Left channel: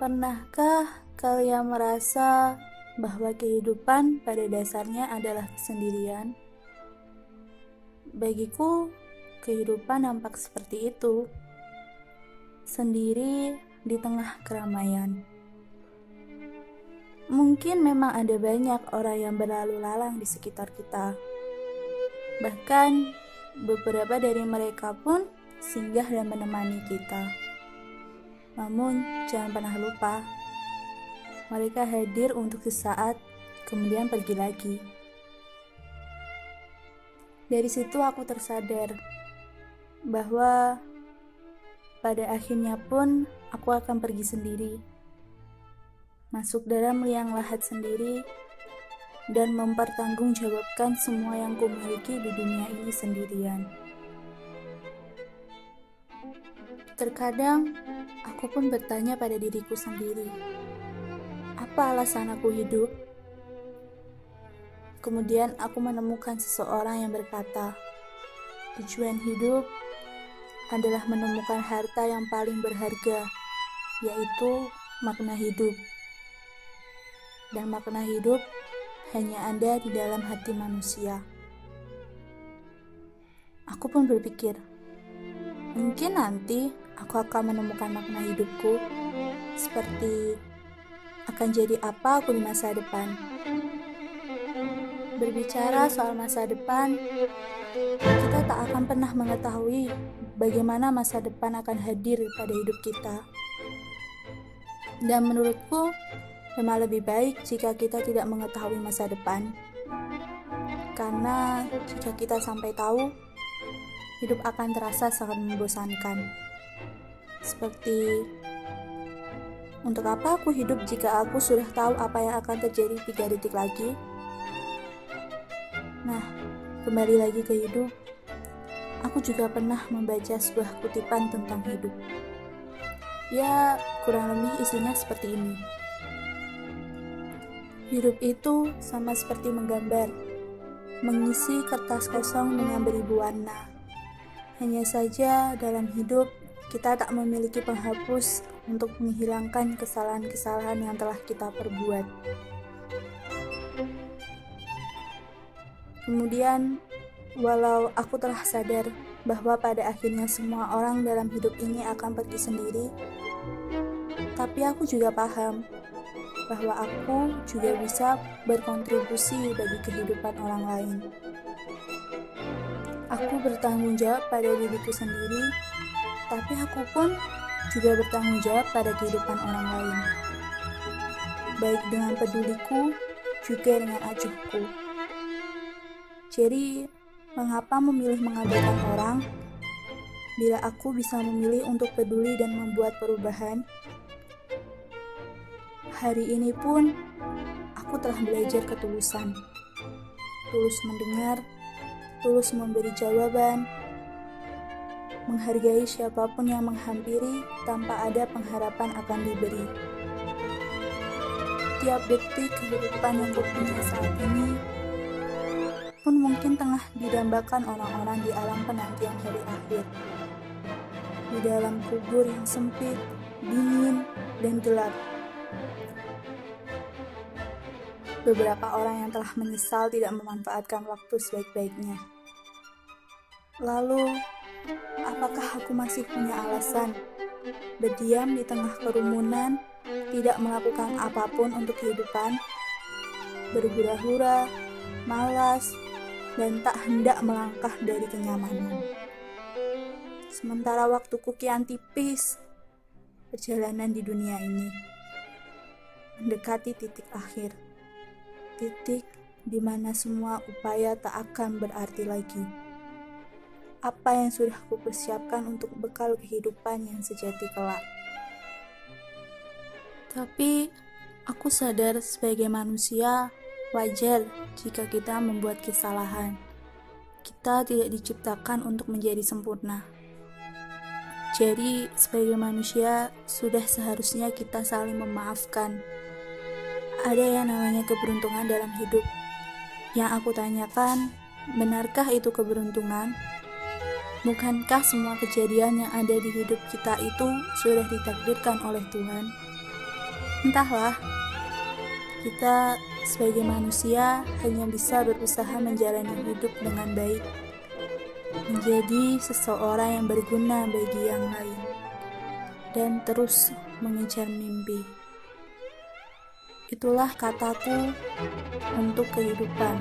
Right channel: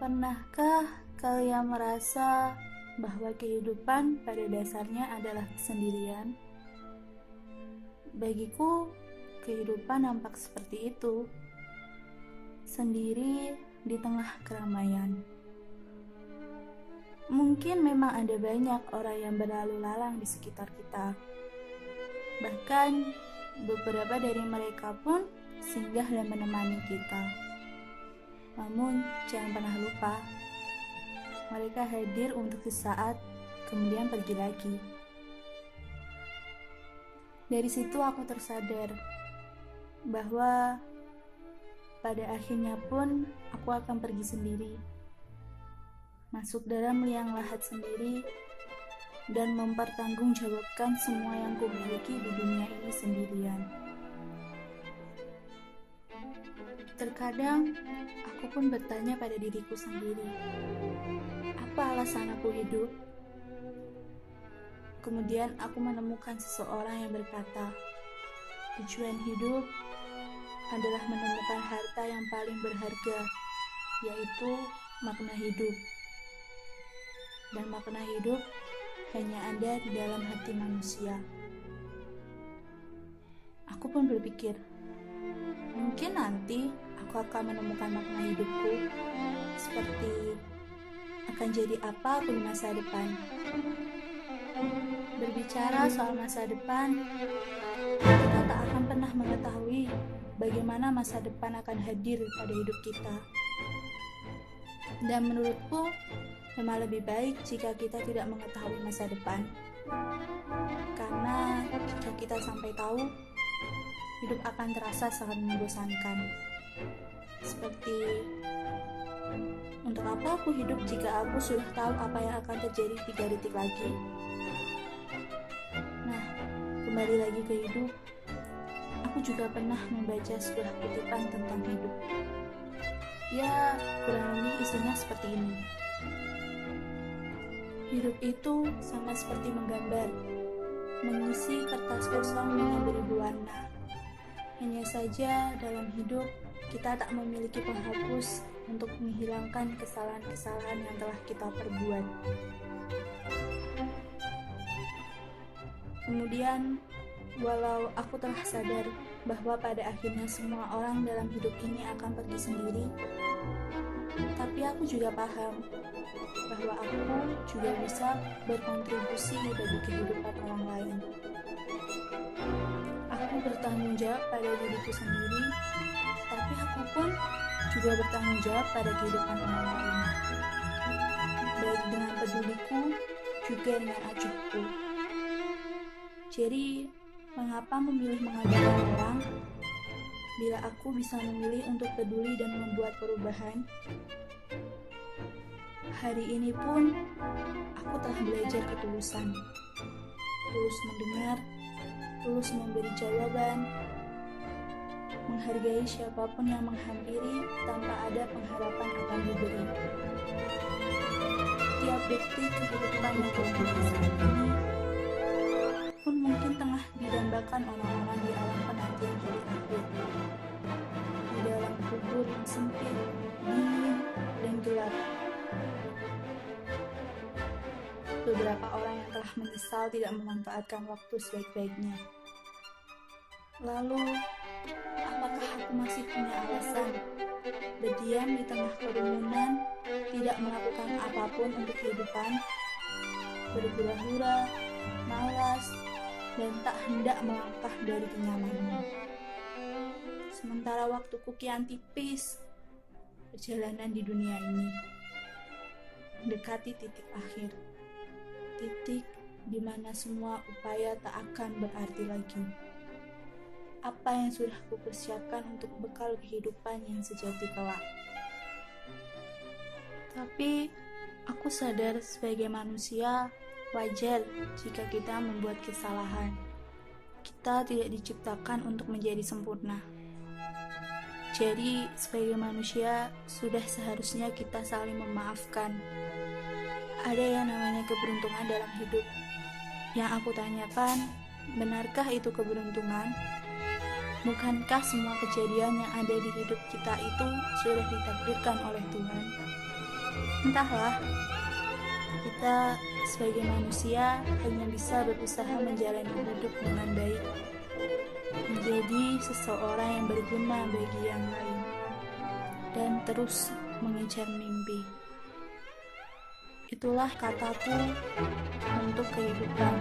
Pernahkah kalian merasa bahwa kehidupan pada dasarnya adalah kesendirian? Bagiku, kehidupan nampak seperti itu. Sendiri di tengah keramaian. Mungkin memang ada banyak orang yang berlalu lalang di sekitar kita. Bahkan, beberapa dari mereka pun singgah dan menemani kita. Namun, jangan pernah lupa, mereka hadir untuk sesaat, kemudian pergi lagi. Dari situ aku tersadar bahwa pada akhirnya pun aku akan pergi sendiri, masuk dalam liang lahat sendiri, dan mempertanggungjawabkan semua yang kumiliki di dunia ini sendirian. Terkadang, aku pun bertanya pada diriku sendiri, apa alasan aku hidup? Kemudian aku menemukan seseorang yang berkata, tujuan hidup adalah menemukan harta yang paling berharga, yaitu makna hidup. Dan makna hidup hanya ada di dalam hati manusia. Aku pun berpikir, mungkin nanti aku akan menemukan makna hidupku, seperti akan jadi apa aku di masa depan. Berbicara soal masa depan, kita tak akan pernah mengetahui bagaimana masa depan akan hadir pada hidup kita. Dan menurutku, memang lebih baik jika kita tidak mengetahui masa depan. Karena jika kita sampai tahu, hidup akan terasa sangat membosankan. Seperti, untuk apa aku hidup jika aku sudah tahu apa yang akan terjadi 3 detik lagi? Nah, kembali lagi ke hidup, aku juga pernah membaca sebuah kutipan tentang hidup. Ya, kurang lebih isinya seperti ini. Hidup itu sama seperti menggambar, mengisi kertas kosong dengan beribu warna. Hanya saja dalam hidup, kita tak memiliki penghapus untuk menghilangkan kesalahan-kesalahan yang telah kita perbuat. Kemudian, walau aku telah sadar bahwa pada akhirnya semua orang dalam hidup ini akan pergi sendiri, tapi aku juga paham bahwa aku juga bisa berkontribusi bagi kehidupan orang lain. Aku bertanggung jawab pada diriku sendiri, tapi aku pun juga bertanggung jawab pada kehidupan orang lain. Baik dengan peduliku, juga dengan acuhku. Jadi, mengapa memilih mengabaikan orang, bila aku bisa memilih untuk peduli dan membuat perubahan? Hari ini pun, aku telah belajar ketulusan. Tulus mendengar, tulus memberi jawaban, menghargai siapapun yang menghampiri tanpa ada pengharapan akan diberi. Tiap detik kehidupan yang kupunya saat ini pun mungkin tengah didambakan orang-orang di alam penantian hari akhir. Di dalam kubur yang sempit, dingin, dan gelap. Beberapa orang yang telah menyesal tidak memanfaatkan waktu sebaik-baiknya. Lalu, apakah aku masih punya alasan berdiam di tengah kerumunan, tidak melakukan apapun untuk kehidupan, berhura-hura, malas, dan tak hendak melangkah dari kenyamanan? Sementara waktuku kian tipis, perjalanan di dunia ini mendekati titik akhir. Titik di mana semua upaya tak akan berarti lagi. Apa yang sudah kupersiapkan untuk bekal kehidupan yang sejati kelak. Tapi, aku sadar sebagai manusia, wajar jika kita membuat kesalahan. Kita tidak diciptakan untuk menjadi sempurna. Jadi, sebagai manusia, sudah seharusnya kita saling memaafkan. Ada yang namanya keberuntungan dalam hidup. Yang aku tanyakan, benarkah itu keberuntungan? Bukankah semua kejadian yang ada di hidup kita itu sudah ditakdirkan oleh Tuhan? Entahlah, kita sebagai manusia hanya bisa berusaha menjalani hidup dengan baik, menjadi seseorang yang berguna bagi yang lain, dan terus mengejar mimpi. Itulah kataku untuk kehidupan.